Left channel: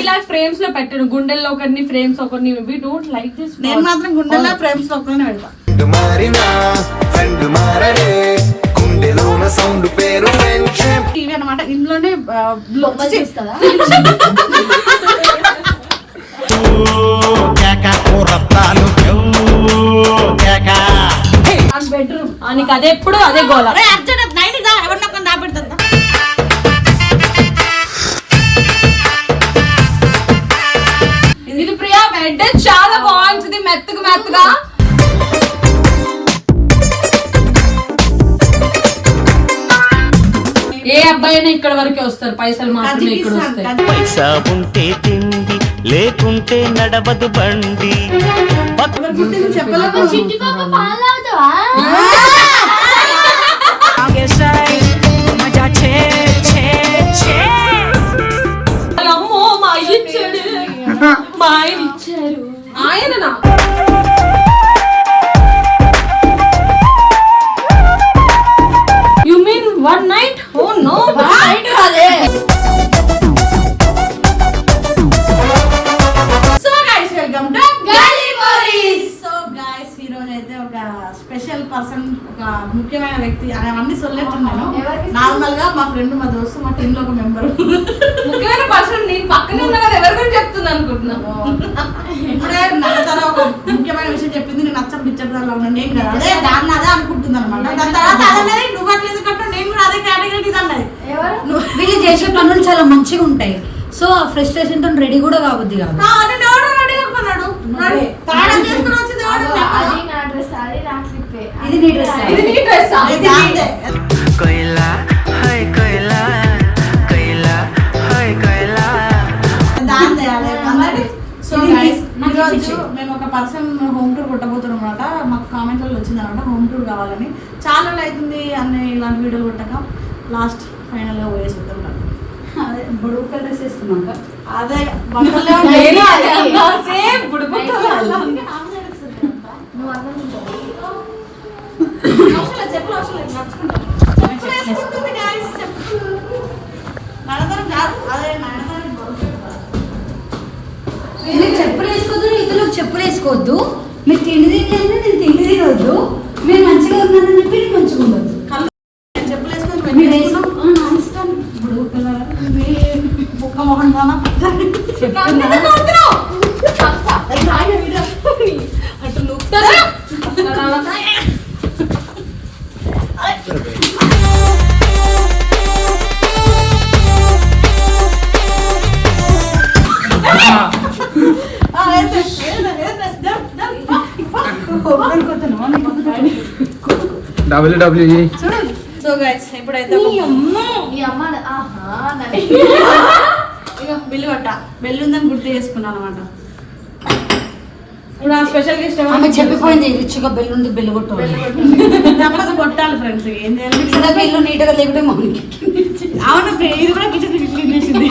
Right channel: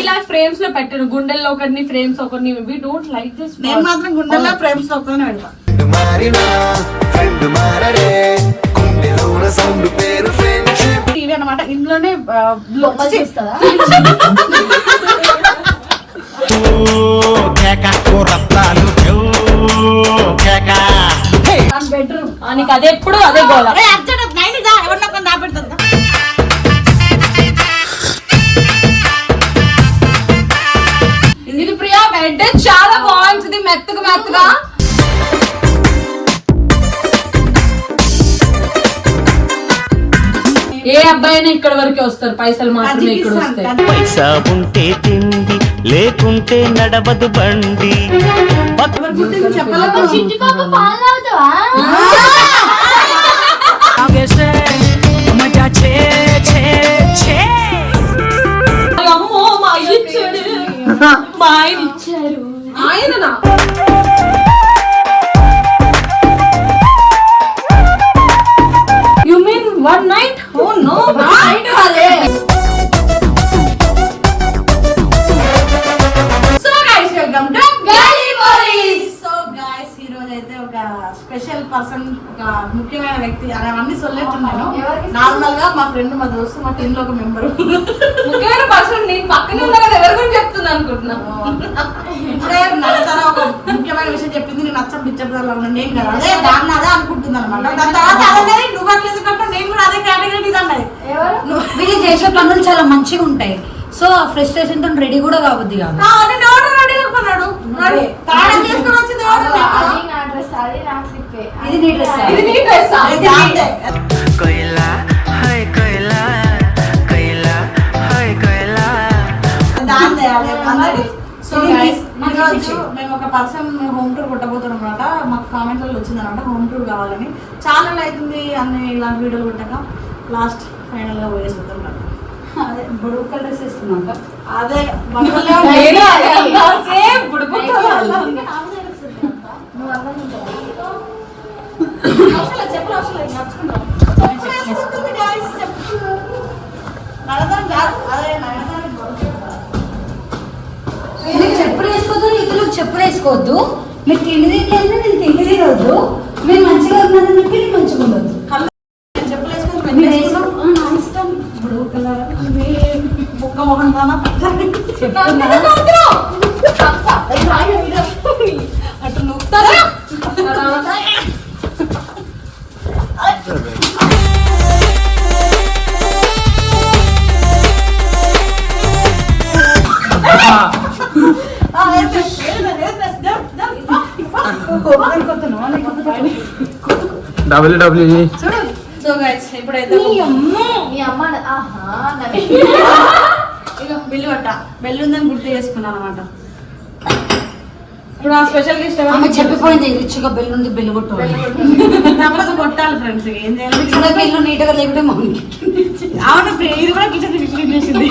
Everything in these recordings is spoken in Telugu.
ఇలా ఫ్రేమ్స్లో పెట్టను. గుండెల్లో ఒకరిని ఫ్రేమ్స్ ఒకరిని వి డోంట్ లైక్ దిస్ నేను మాత్రం గుండెల్లో ప్రేమ్స్ ఒక్కనే పెడతా. ఫ్రెండ్ మారినా ఫ్రెండ్ మారడే గుండెలోన సౌండ్ పేరు ఫ్రెండ్షిప్. టీవీ అనమాట రత్తాలు బెడ్రూమ్. నీకు అదే ఎప్పుడు అదే గోల. అర్జెంట్ మెత్తగా ఏ అబ్బాయి అయినా ఇక్కడ వరకే వస్తారు. పైసలు మాత్రమే ఇక్కడ వస్తాయి. పైసా ఉంటే తిండి లేకుంటే నడవదు బండి. అమ్మో మా అయ్య ఇచ్చాడు. మా ఆయన ఇచ్చారు. ఆయన టీమ్ ఒక మెంబర్. ముఖ్యమైన పర్సన్ నేను పక్కనే ఉన్నా కదా ఎవరి గురించి చెప్తుంది అనుకుంటున్నాను ఇప్పుడే నడతన ఒక ముఖ్యమైన విషయం చెప్పింది నేను నచ్చం పిచ్చర్ నేను కదా. అదే దాన్ని అదే అనుకుంటుంది అనమాట దాని తర్వాత అదే నువ్వు అట్లా ఎందుకంటే నేను కూడా అదే కేటగిరీ అన్నది. వీళ్ళు చేసే పనులు చాలా మంచిగా ఉంటాయి. సో ఫ్రస్ట్రేషన్తో రెడీ కూడా కావద్ది కాదు. ఆ, ఇది నీ డ్రెస్ ఇది నీ డ్రెస్. సో ఈరోజు మేము ఒక పర్సన్ హోమ్ టూర్ కొట్టబోతున్నాం అనమాట మాకు కామెంట్లలో వచ్చింది అనమాట హోమ్ టూర్ కావాలని. చాలా అవుతుంది అన్ని ఇలాంటి వీడియోలు కొట్టాక లాస్ట్ ఫైనల్గా పోయేసి అదే బుడుగు కలర్ డ్రెస్ వేస్తున్నాక అదే చెప్పులు అవసరం లేదు, నడుచుకుంటాం. కాదు, అదే బాగుంటుంది. మీరు చెప్పులు వేసుకోవద్దు ఇతరులు చెప్పులు వేసుకోవద్దు. మీరు తిండి తింటే నేను తిండి తినవద్దు మీరు మంచిగా ఉన్నారని చెప్పి డబ్ల్యూడబ్ల్యూఈ సో గైస్ ఇప్పుడైతే బిల్లు కొట్ట బెల్లు ఉందని గుర్తు చేసుకున్నాను అనమాట ఇప్పుడు ఆ స్పెషల్ గెస్ట్ ఆమె చెప్పిపోయింది రిచ్గా బెల్ ఉంది బెల్ కొట్టు తప్పదు కొట్టాలి ఫ్రెండ్స్ ఏం చేయాలి? ఇల్లు నీట్గా లేకుంటే మమ్మీకి అవును ఇది కూడా కిచెన్ చేసింది.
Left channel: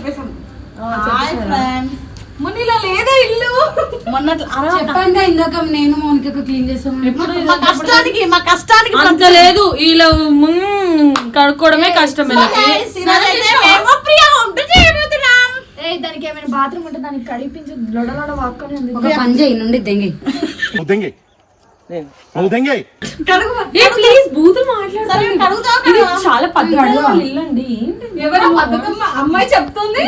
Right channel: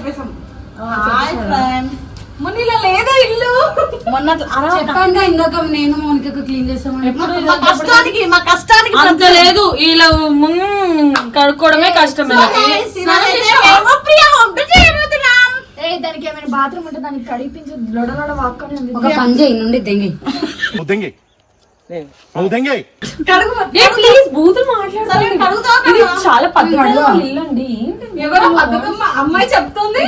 చెప్పేసాం హాయ్ ఫ్రెండ్స్ మొన్న ఇలా లేదా ఇల్లు? మొన్న అలా చెప్పండి ఇందాక నేను మౌనికకు క్లీన్ చేస్తామని మా కష్టానికి మా కష్టానికి అంత లేదు ఇలా కడుక్కోవడమే కష్టమే. దానికి ఏమైనా బాత్రూమ్ ఉంటే దానికి కడిపించు. లొడ లొడ వాక్కొని ఉంది. ఒక నుండి దెంగి. ఉద్దంగి చాలా పద్ధతిగా ఇల్లు అండి ఎవరు బతుకమ్మ అమ్మాయి చెప్తుంది.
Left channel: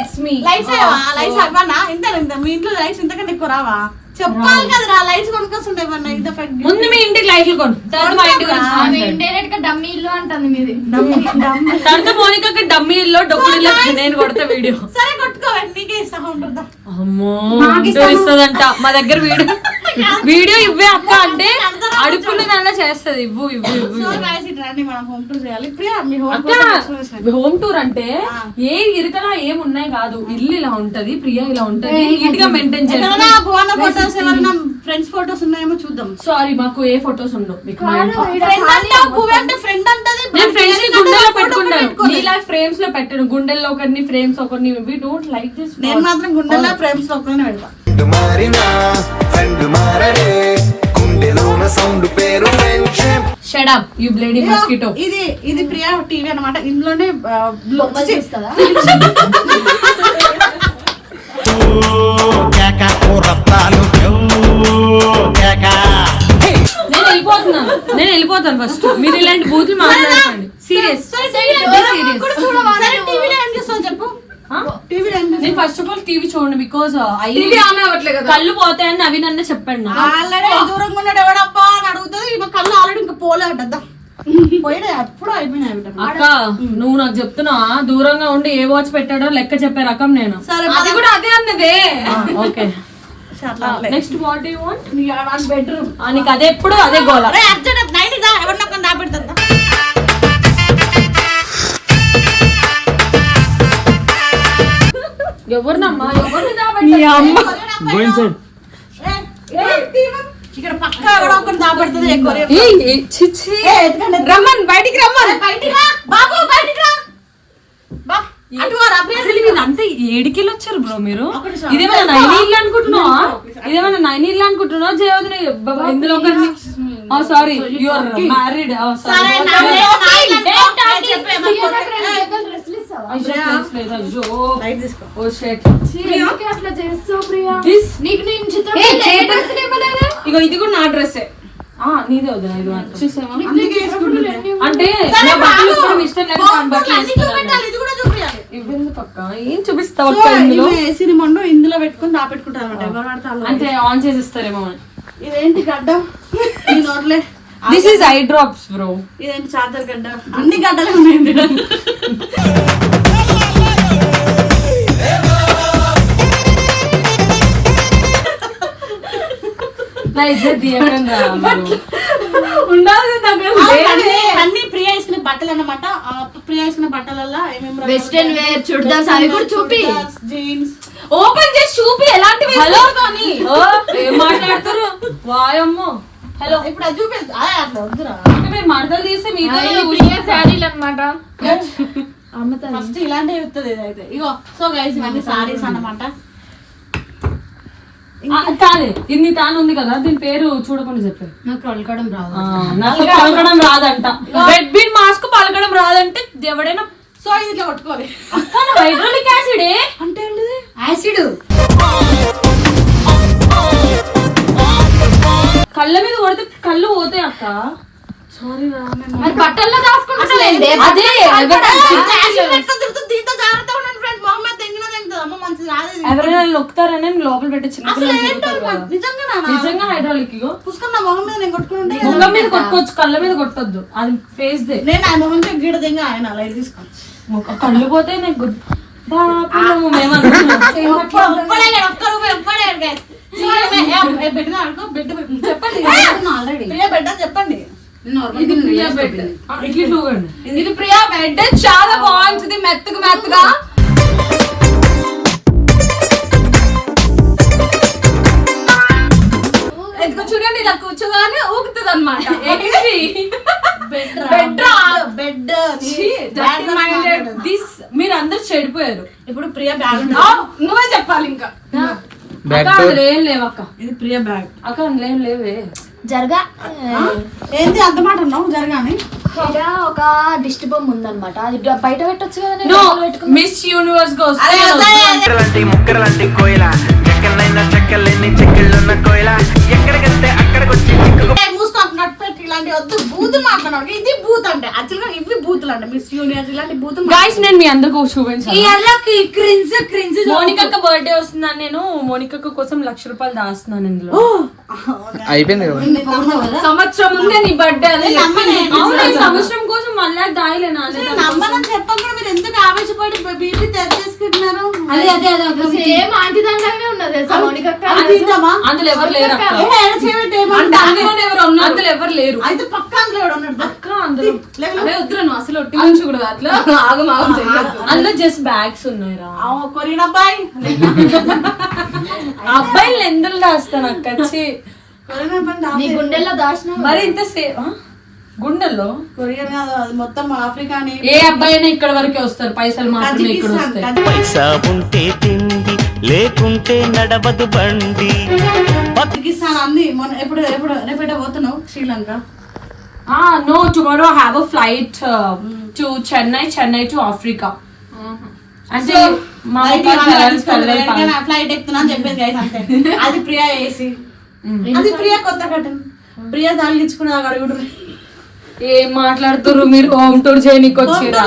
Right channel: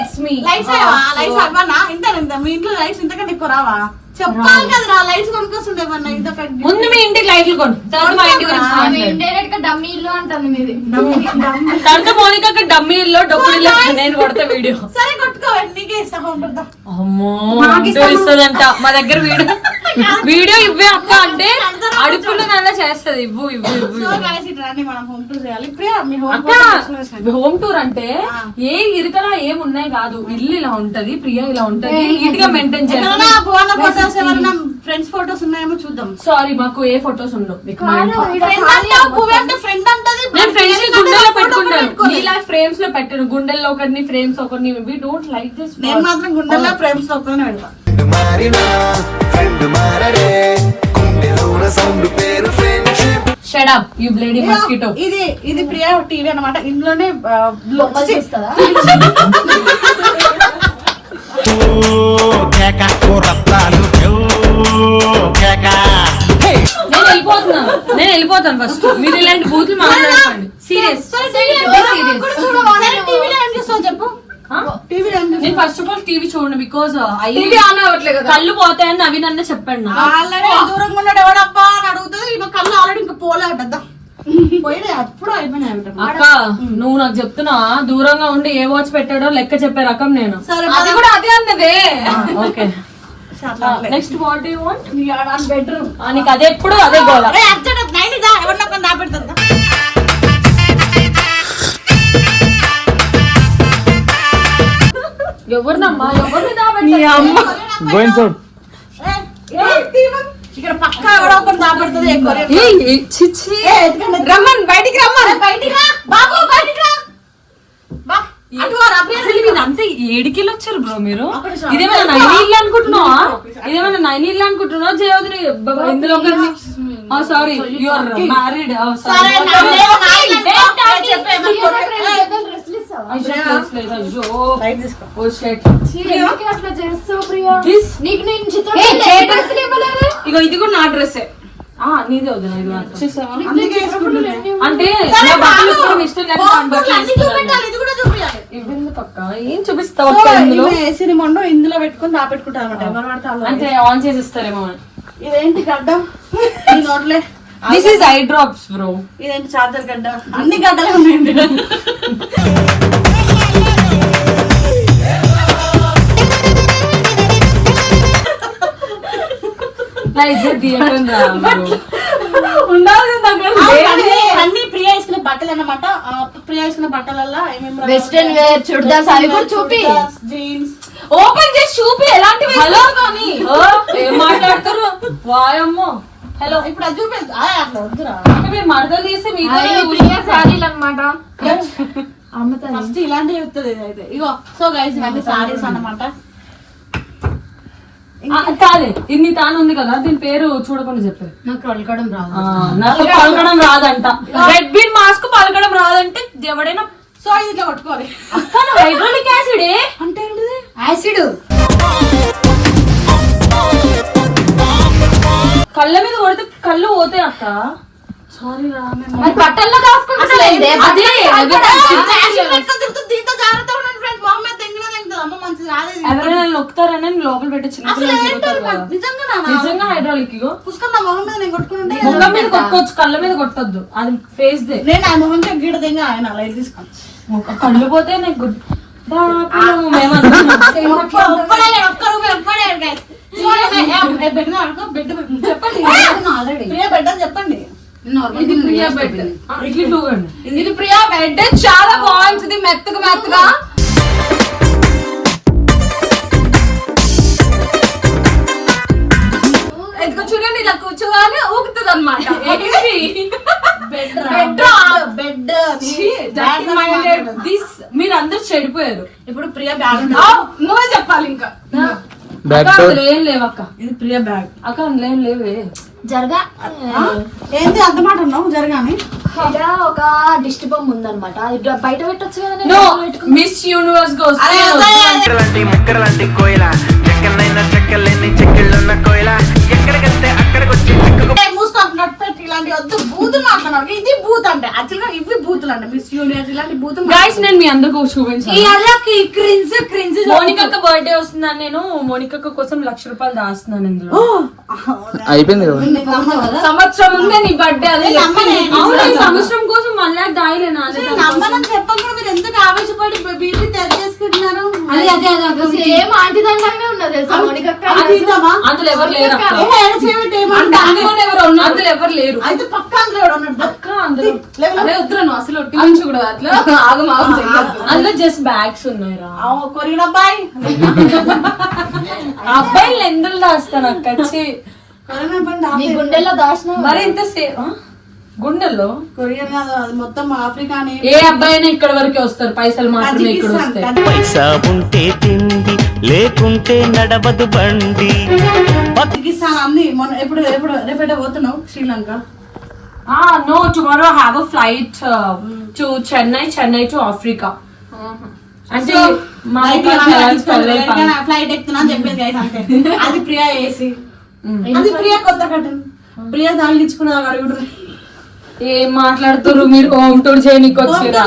ఇంత? మీ ఇంట్లో లైట్స్ ఇంతకంటే ఎక్కువ రావా? చెప్పాలి కదరా లైట్స్ కొనుక్కొస్తుండే ఇంత లైట్లు కొను. తర్వాత మా ఇంటి గురించి డమ్మీ ఇల్లు నేను కొడతా వీడియో. సరే అమ్మో ఇస్తుందంట. మా దగ్గర వీడియో వీడియో ఇవ్వే అక్క అంటే అడుపులు నల్ల చేస్తది. ఇవ్వు ఇవ్వు ఇవ్వు హోమ్ టూర్ చేయాలి. ప్రియా మీ హోమ్ అక్క హోమ్ టూర్ అంటే ఏ ఇరుకలా ఏం ఉన్నాయి కాదు. ఇల్లు ఇలా ఉంటది ప్రియ ఇలా ఉంటది. నీట్గా మెయింటైన్ ఎవరైనా ఫ్రెండ్స్ ఫోటోస్ ఉన్నాయేమో చూద్దాం. సారీ మాకు ఏ ఫొటోస్ ఉండవు. మీకు మా ఇంట్లో. నేను ఫ్రెండ్స్ గుండెల్లో పెట్టుకుంటాను పెట్టుకోలేదు. నీలా ఫ్రేమ్స్లో పెట్టాను గుండెల్లో ఒకరిని ఫ్రేమ్స్ ఒకరిని. వి డోంట్ లైక్ దిస్ నేను మాత్రం గుండెల్లో ఫ్రేమ్స్ పెడతా. పేరు friendship shut up you bloody mosquito ఇది ఇది ప్రియా టీవీ అన్నమాట. ఇందులోనే ఓ కేక నేను వెళ్ళిపోతున్నాను. నేను వెళ్ళిపోతాను ఫస్ట్ మీరు ఇలాంటి బూతులు మాట్లాడకండి. సీరియస్ చెప్పు? నేను ఫస్ట్ ఆఫ్ ఆల్ టీవీ చూడండి అవ్వట్లేదు కదా? కళ్ళు పోతాయని నవీన్ అన్న చెప్పాడు దూరంగా ఉన్నాడు ఎవడప్పా అని అడుగుతుంది. ఈమె కళ్ళు ఆల్రెడీ ఇంకా పోలే అంటద్దా పోయినాయి అప్పుడు అయిపోయినాయి అంట. అక్క నువ్వు నాకు చెప్తున్నా దూరంగా ఉండి ఏ వాచ్ పెట్టాడో లెక్క చెప్పే రకం నేను. సరే అది కూడా అదే అన్నదే. Okay. Next what you want bedroom నీకు అదే ఎప్పుడు అదే గోల. రే, అర్జున్, నైని దా, ఎవరినో ఒకరిని దాపెడుతుందా? ఎవరినమ్మా? ఎవరిని గోయింగ్ సౌట్ ఏ, ఇదే తీయమా. ఇక్కడ పక్క ఎవడో దాపెడుతుంది ఎత్తుకండి. రమ్మన్ బయటికి రమ్మన్. బయటికి రా, బాబు బయటికి రా. బా, మీరంతా ఏడికెళ్ళి వచ్చారు బ్రో మీరు? ఇదేమన్నా నైన్ ఇల్లు అనుకుంటున్నావా? ఇదేమన్నా నైన్ ఇల్లు అనుకుంటున్నావా? జయవదిని ఇందులో సారీ యువర్ మ్యారీడ్ లేదు, ఇగో ఇది కూడా నా డ్రెస్సే. నీదే ఇది వేసుకుంటున్నాను. అంటే ఇష్టం లేక ఇవ్వెందుకు అక్క? ఏం చూపిస్తావు సో, అక్క ఇందులో? పెట్టుకుని దాపెట్టుకుంటారు అనమాట. అంటే ఆన్ చేసి ఇస్తారేమో ఇదేంటి గడ్డ? ఈ నోట్లే. This is eye drops bro ఇదేంటి చార్జర్ గడ్డ? అన్ని గడ్డలే ఉన్నాయండి. నా ఇద్దరు తీయకండి రా మీరు. ఉండాలి దగ్గర అన్ని అన్ని ప్రియ వేసుకునే బట్టలు అన్నమాట ఆ ప్రియ వేసుకునే బట్టలల్లో ఏమేమి వెస్టర్న్ వేర్ చుడిదార్స్ అవి కూడా చూపి. జీన్స్ ఓపెన్ చేసి చూపి ఎలాంటివి హలో కానీ? ఓ, ఏం మాట్లాడతారు వాయమ్మో హలో ఇప్పుడు అది చూపించు ఆ, అట్లా వద్దురా. మీరు మడతలు తీస్తే మీతో శారీలు అనమాట ఫస్ట్ ఇలాంటివి చెప్తుంది ఇదైతే ఇగో సో గైస్ ఇవన్నీ సారీస్ అన్నమాట. కాదే. ఇది తాను ఉంది కదా దీని పేరు చూడకుండా చెప్పారు నాకు అలకడం రాదు. నాకు పలకడం రాదంట. రెడ్ బీన్ మాస్క్ పలకడం రాదంటే ఎవడైనా సో ఇది ఇట్లా కొట్టుకోవాలి హైడ్రోలిక్ యాసిడ్? అంటే యాసిడ్. కళ్ళ మీద కొడితే కళ్ళు పోతాయి అక్క. మరి బట్టల్లో అదే దీంతో జాగ్రత్త ఉండండి మొహమ్మద్ అమ్మ మంచిది. ఎవరైనా నొక్కుతారని లోపల పెట్టి చిన్న. నిజంగా హైడ్రాలిక్ ఇగో పుస్తకం నా మొహం మీద నేను కొట్టుకుంటే ముఖం మీద కొట్టుకోవచ్చు కళ్ళ మీద కొట్టొద్దు అది ఫేస్ దే నేను ఆ మొహం ఆయన లైట్ తీసుకోండి ముఖ- కళ్ళు పోతే నాకు మీద. చెప్పండి ఇది ప్రియా బెడ్. ఇది ప్రియా బెడ్. చాలా బాగుంటుంది. మెత్తగా మెత్తగా. చూడండి ఇలా కూర్చోగానే ఊగుతుంది అనమాట బెడ్ బెడ్ బెడ్ దిస్ మీరు అందరు చెడిపోయారు. ఇప్పుడు ప్రియ బ్యాగ్ నువ్వే చెప్పాలి ఇంకా. అక్క అందులో ఏం లేవు అక్క ఇది ప్రియ బ్యాగ్ అక్క అందులో ఏం లేవే. జరగా? ఏంటి అంత మాట జరగాని? ఇక్కడ ఒక దిష్టి బొమ్మ ఉందన్నమాట. అది బయట పెట్టొచ్చు కదా మిస్ యూనివర్స్ వద్దు. ముక్కరలాంటి ముక్కరలాంటి కోయిల. చెక్కనైనా చెక్కలేని చెక్కిళ్ళున్న కోయిల. ఎక్కడికెళ్తే అక్కడికొచ్చి చిక్కుకు ఇలాంటి వద్దు. బూతులు మాట్లాడాలి ఇది బూత్ అంటే. యాక్చువల్గా ఇవి బూతులు మిస్ యూనియర్స్ ఇలాంటి బూతులు నేను మీ అందరికి చూపించాను. క్రిన్స్ క్రిన్స్ మోనికక్క బర్త్డే వస్తుందని నేను మోనికక్క కోసం లక్ష రూపాయలు దాస్తున్నాను ఇందులో. సంవత్సరం ఉందే నీ బర్త్డే ఈ సంవత్సరం కోసం మళ్ళీ దాయలేనా చెప్పకుండా మీరు ఎందుకు ఆవేశపడి బీపీ తెచ్చేసుకుంటున్నారు అదే అదే అదే సేమ్ ఆంటీ దండమే ఉన్నది తెలుసా మౌనికక్క అది ఇద్దామా? అందులో ఎవరు లేరు అందులో ఎవరు ఉన్నారు? అందులో ఎవరు లేరు అయితే పక్క అందులో ఉన్నాడు. అందులో అదే నువ్వు అసలు ఒట్టి నుంచి కూడా అట్లా ఆగం ఆగం చెయ్యొద్దు అందులో జస్ట్ బ్యాగ్స్ ఉన్నాయి అబ్బాయి అబ్బాయిలు ఎందుకు దాస్తాను అక్క గుండెల్లో దాచిన మరి ఇంత సేఫ్ గుండెల్లో? కొరియన్ కాదు అది మొత్తం ఆఫ్రికా ఏ అబ్బాయి అయినా ఇక్కడ వరకే వస్తారు పైసలు మాత్రమే ఇక్కడ వస్తాయి. పైసా ఉంటే తిండి లేకుంటే నడవదు బండి. కజకిస్తాన్ అన్ని మొన్న ఎప్పుడు ఎప్పుడు రేపేట పోతున్నావు Sri Lanka? No tomorrow have a flight to Chennai Chennai to Africa అంటే మా ఫ్లైట్ ఎక్కుతున్నా అని చెప్పింది అది ప్రియా ఏసీ. అది ప్రియా కొత్త కట్టన్ ప్రియా తగిలించుకున్నా అడుగుడు ఏం మాట్లాడుతున్నారు మీరు? హోమ్ టూర్ చేయనీకి వచ్చిరా?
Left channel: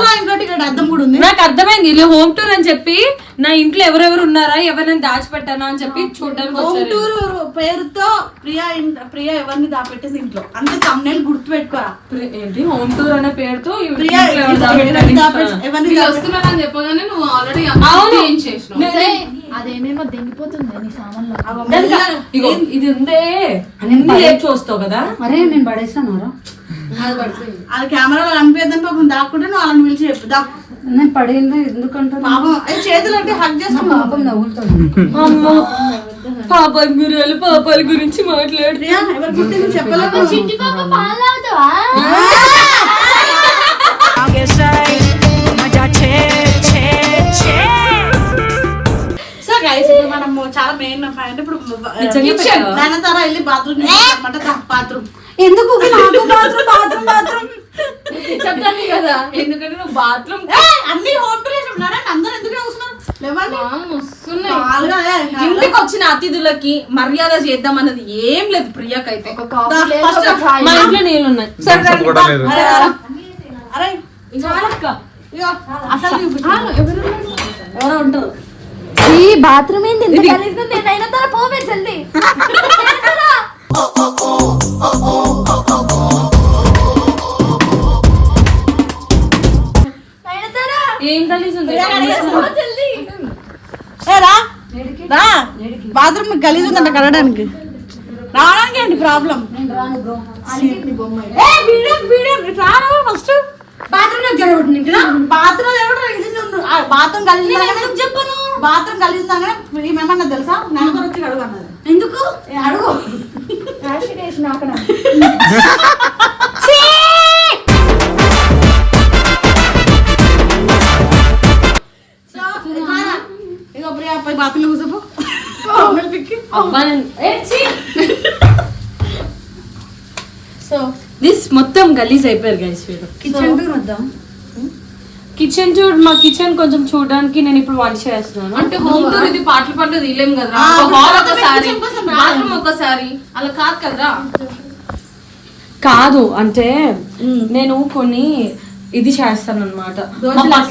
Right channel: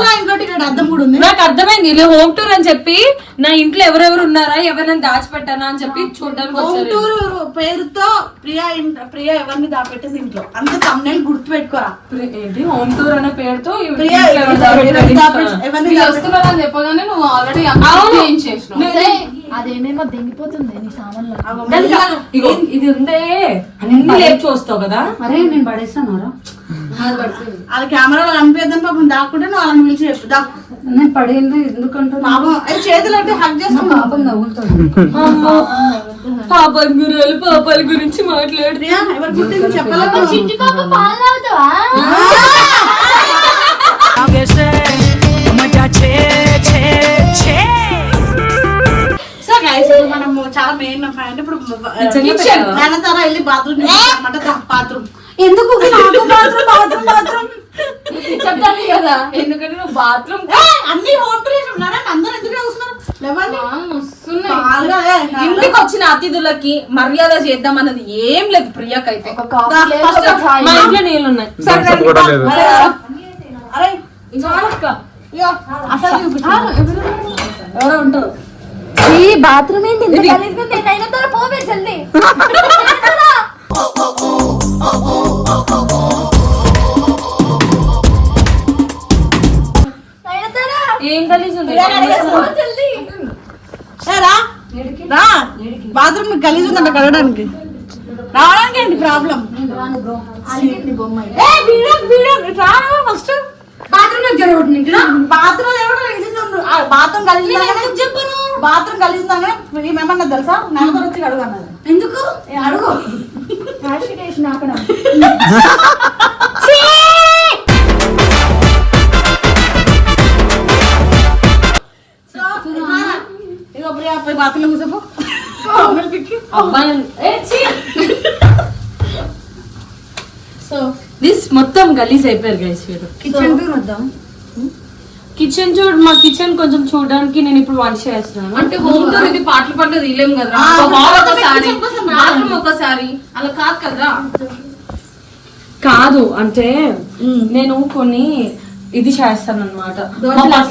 నాకు అర్థమైంది ఇలా హోమ్ టూర్ అని చెప్పి నా ఇంట్లో ఎవరెవరు ఉన్నారా ఎవరైనా దాచిపెట్టానా అని చెప్పి చూడడానికి హోమ్ వచ్చారు టూర్ పేరుతో ప్రియా ప్రియా ఎవరిని దాపెట్టేసి ఇంట్లో. అంతే తమ్నేల్ గుర్తు పెట్టుకోరా ఏంటి? హోమ్ టూర్ అనే పేరుతో ప్రియా ఇంట్లో ఎవరు ఎవరిని వీళ్ళు దాపెట్టి- వస్తున్నామని చెప్పగానే నువ్వు ఆల్రెడీ అవును. ఏం చేసినావు? అదేమేమో దెంగిపోతుంది నీ సామాన్లో. అగో ఇగో ఇది ఉందే. అన్ని లేపు చూస్తావు కదా? అరే నేను అది కెమెరాలో కనిపించదని పాపం దాక్కుంటే నువ్వు వాళ్ళని పిలిచి చెప్పు దా. నేను పడేయండి ఎందుకంటే పాపం అది చేతులు అంటే హక్ చేస్తాం. పాపం అమ్మో పాపాల గురాలు పాపాల గురించి మాట్లాడు. ప్రియా ఎవరు పుట్టింది చెప్పలేదు చిట్టి పాప పాలు తాగుతావా? సో గైస్ మనము చాలా మెయిన్ అంటే ఇప్పుడు? దాని తర్వాత వెళ్ళి బాత్రూమ్ అనమాట బాత్రూమ్ బాత్రూమ్ బాత్రూమ్ చెప్తాను కదా? ఎందుకంటే నువ్వు బాత్రూమ్ అన్ని హోమ్ టూర్ ఉన్నారా? అందరూ ఎందుకు. ఇంటికి వచ్చిన అతిథులకి మర్యాద చేద్దాం అన్నది ఏం లేదు ప్రియాకైతే. మా ఇంట్లో నీళ్ళు ఉన్నాయి. ఎవరో? ఉంటారు. ఈ బాత్రూమ్ ఉంది? నేను అయిన తర్వాత పోవే జల్దీ. రా. బాత్రూమ్ గలీజ్ ఉందంట కడగడానికి. రావడానికి ఏంటి ప్రాబ్లం? ఫస్ట్. బాత్రూమ్ జరగబట్టి బాత్రూమ్. ఆ, బాత్రూమ్ ఉందనగానే- చెప్పను? బాత్రూమ్ ఉందనగానే ఏమన్నా తెలుసా? నలుగురు వచ్చి అడుగు అన్నది. ఎందుకు? అడుగు. బాత్రూమ్ కూర్చోపో అబ్బాయి ఏ, ఛీ. సో దిస్ మొత్తం గలీజ్ అయిపోయారు గైస్ కిచెన్ టూర్ వద్దాం. కిచెన్ చూడు మా కిచెన్ కొంచెం చూడడానికి నేను ఇప్పుడు వంట చేస్తున్నాను. అంటే హోమ్ టూర్ ఇది పాటలు పాటలు తీయలేము హాల్ మొత్తం ఒకసారి. బాత్రూమ్ ఒకసారి. అలా కాదు కదరా? కాదు అంటే నేను కొన్ని ఇది చేస్తాను. అనమాట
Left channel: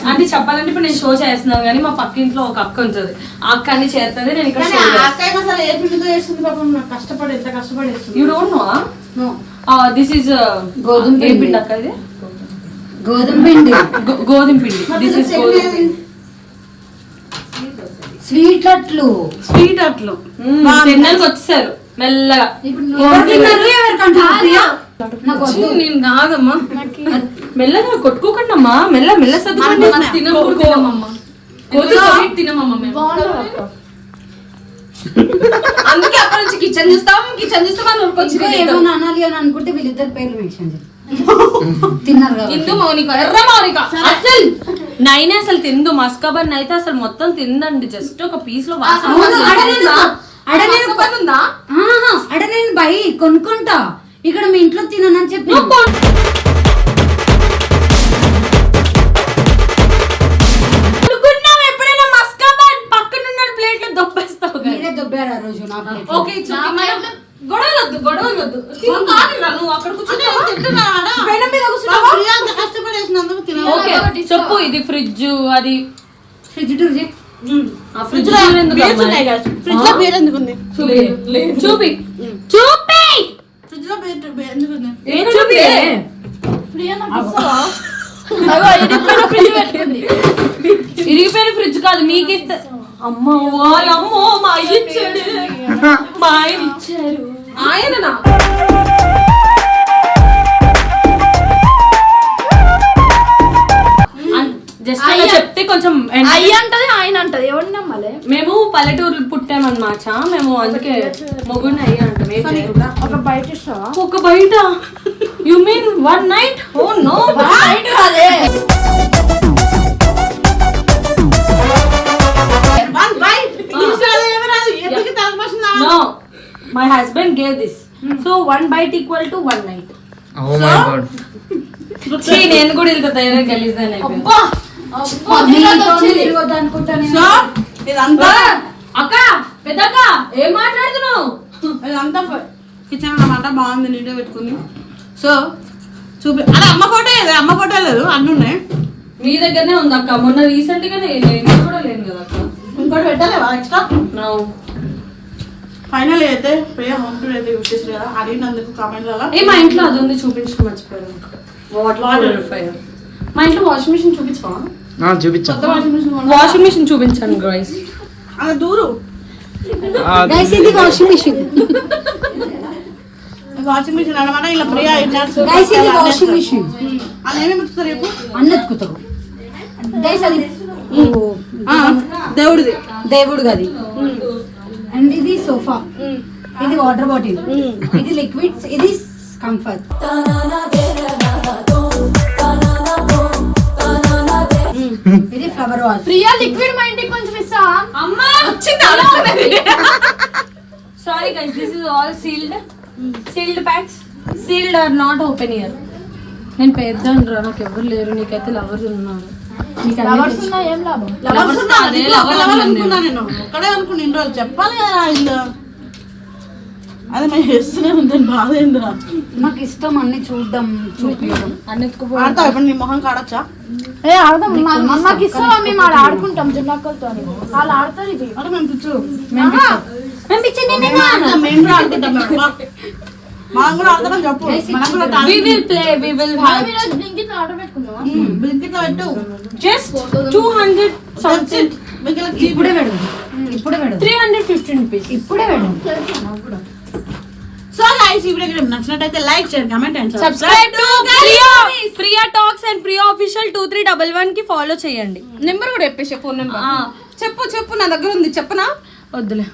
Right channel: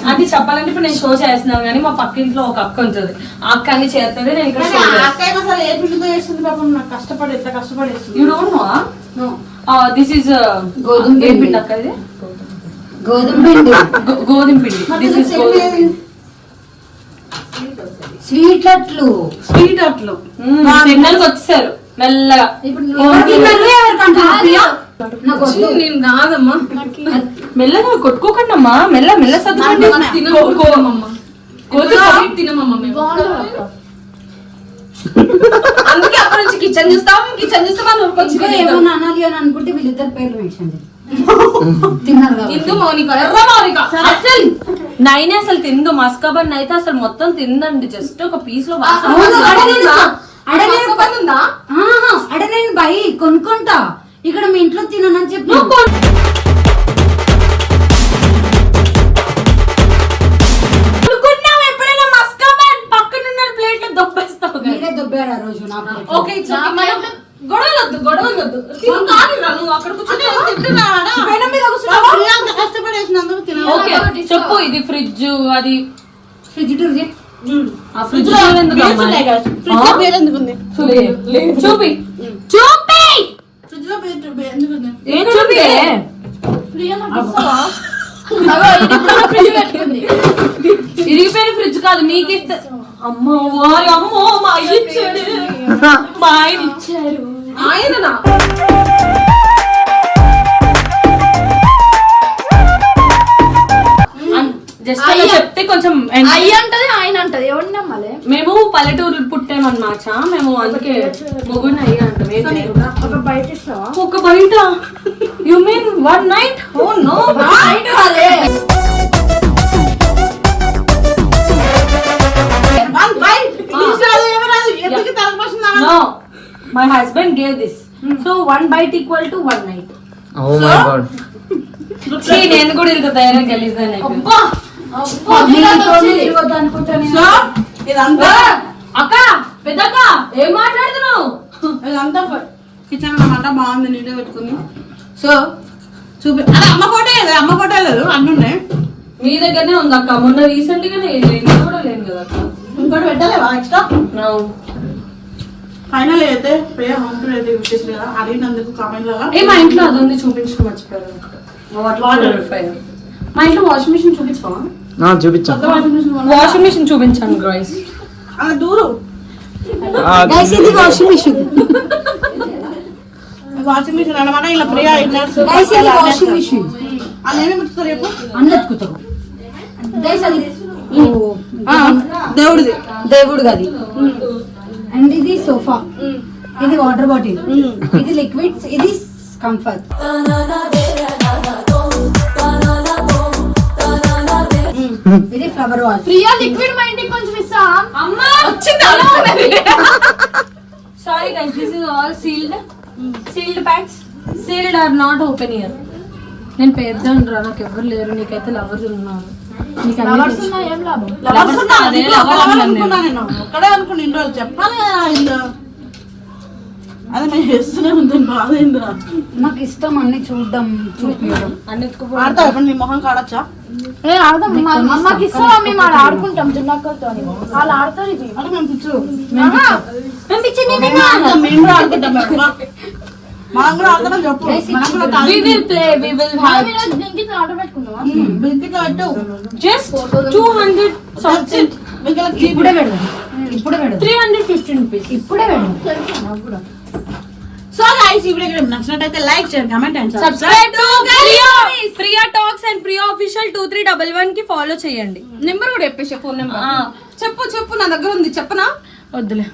అంటే చెప్పాలంటే ఇప్పుడు నేను షో చేస్తున్నాను కానీ మా పక్కింట్లో ఒక అక్క ఉంటుంది. ఆ అక్క అన్ని చేస్తుంది నేను ఇక్కడ కష్టపడి ఎంత కష్టపడి you don't know this is గోధుమ పిండి. అక్క ఇది? గోధుమ పిండి. గోధుమ పిండి. దిస్ ఇస్ స్వీట్ అట్లు స్వీట్ అట్లు తినడానికి వచ్చేసారు. మెల్లగా. ఇప్పుడు నేను కాదమ్మా. మెల్లగా కొట్టుకోకండి అమ్మా మెల్ల మెల్ల సర్దుకోండి. మనం తినమమ్మా తినమమ్మా మేము. అందుకే అప్పటి నుంచి కిచెన్ చూస్తాం కిచెన్ చూస్తాం అని ఊరుకొచ్చి ఇంకా ఏమైనా అనాలి అని అనుకుంటే వీళ్ళిద్దరు పేర్లు అసలు. నైన్ అసలు తిందు. మస్కాబన్ అయితే అసలు మొత్తం తిందండి. జస్ట్ ఒక పీస్లో వాసన అవును, అడ నేను అడ నేను మస్కాబన్ ఉందా? ఆహా, అడ నేను బై కొనుక్కుంటా. ఇక్కడ మీ ఇంట్లో తిననని చెప్పి గొడవలొద్దు గొడవలొద్దు. నువ్వు. అక్కడ చెప్పు ఇది ఫ్రిడ్జ్ అది ఫ్రిడ్జ్. ఆ ఫ్రిడ్జ్. ఫ్రిడ్జ్? చూపి చూపి. ఇరిగిపోయిన ఫ్రిడ్జ్ కాదు మీకు ఇస్తే అమ్మో వారి అమ్మో మా ఆయన ఇచ్చాడు. మా ఆయన ఇచ్చారు. ఆయననా? జస్ట్ అలా చెప్తే కొంచెం అయ్యి అంటది ఆయన అంటది. ఎవరిని మేము పల్లెటూరు పుట్టామన్నమాట. మేము అందుకే మొగుడిని అయ్యా. ఒక బయట ఇస్తావా? ఒక బయట? You mean one night oh no బయట కాదే. వన్ బైట్ ఇంగ్లీష్ రాదు ఏమీ రాదు. ఎప్పటికీ తలపోసిందా no my husband gave this so one bite equal to one night నేను కూడా ఇంత ధైర్యం గలీజ్గానే సో ఇదంతా అక్క పెద్దక్క ఏం మాట్లాడుతున్నావు? ఇదంతా కిచెన్ అన్నమాట బాగుంది నీట్గా పెట్టుకుంది. సో చూపి అదే అమ్మ ఫోటో లేదు అమ్మ ఫోటో లేదు అన్ని ఉన్నాయి. మీ దగ్గరనే ఉంది అక్క. మొన్న రీసెంట్ కూడా కదా అక్క. ఇంకోటి పెట్టలేవా ఎక్స్ట్రా. ఫైనల్ అయితే ప్రియ హోమ్ టూర్ అయితే యూస్ చేసి కదా అడిగినందుకు కామెంట్లలో ఏ మా ఇంట్లో అది ఉంది చూపించడం మర్చిపోయారు మా ఇంట్లో వాషింగ్ మిషన్ చూపించవా చూపించాను వాషింగ్ మిషన్ చూపించాను గ్రైస్ అలా దూరు. గైస్ ఇది వాషింగ్ మిషన్. వాషింగ్ మిషన్ అనమాట ఇలా ప్రియ గైస్ ఇది వాషింగ్ మిషన్. ముట్టుతారు రేపు? గైస్ అది ఆ, దేవుడిది. దేవుడు గది అండ్ ఇది సోఫా. ఇది వాటర్ బాటిల్. ఇది లిక్విడ్స్ ఇది కంఫర్ట్ ఇది ఫ్లవర్ వాల్ ప్రియా లిక్విడ్ మా ఇంటికి కొంచెం ఇస్తా. అమ్మా! Sorry guys this is all sealed sealed packs sealed are not open year నేను పెద్ద రా నాకు ఎవరు లేరు నీకైతే లవర్స్ అన్నీ లవర్స్. ఉన్నా ఏం లాభం? లవర్స్ ఉన్నా, అదే ఇంట్లో ఒక లవర్ లవర్ అన్నాను అనుకున్నా నేను. ఒక్కడే అనుకున్నా ఇన్ని రోజులు చెప్పాలి కదా అదే మేము చేస్తూనే ఉంది బాధ ఏందిరా మాకు ఇష్టం అన్ని చూడడం చూపించడం. ఆడతావు ఇప్పుడు నీ మొహం కాడచ్చా? ఏ ఆడదాం మా అమ్మకి ఇస్తావా మేము ఆడ ఆడుకుంటాం జిన్నక్కలతో వాళ్ళు ఆడతారు ఇది. అంటే మేము పిచ్చు. ఆహా. మేము కూడా ఆడుకుంటాం మేము. మనం కూడా ఆడతాం చెప్పు. మనం కూడా తాగి- we will play we will మనం have ఈరోజు బ్లింకిట్ ఆర్డర్ పెట్టుకుందామా? ఉమ్, బిస్కెట్లో పెట్టు. Just 200 something. బిస్కెట్లకు ఇప్పుడే పెడదాం. ఇప్పుడే పెడదాం. 315 rupees. ఇప్పుడే పెడదాం. సో గైస్ ఈ వీడియో మీకు నచ్చినట్టయితే లైక్ చేయండి comment and subscribe to Priya Priya talks and Priya official two three double వన్కి ఫాలో చేయండి. నెంబర్ కూడా చెప్పేసి ఫోన్ నెంబర్ చెప్పు చెప్పు నా దగ్గర ఉంది చెప్పనా? వద్దులే.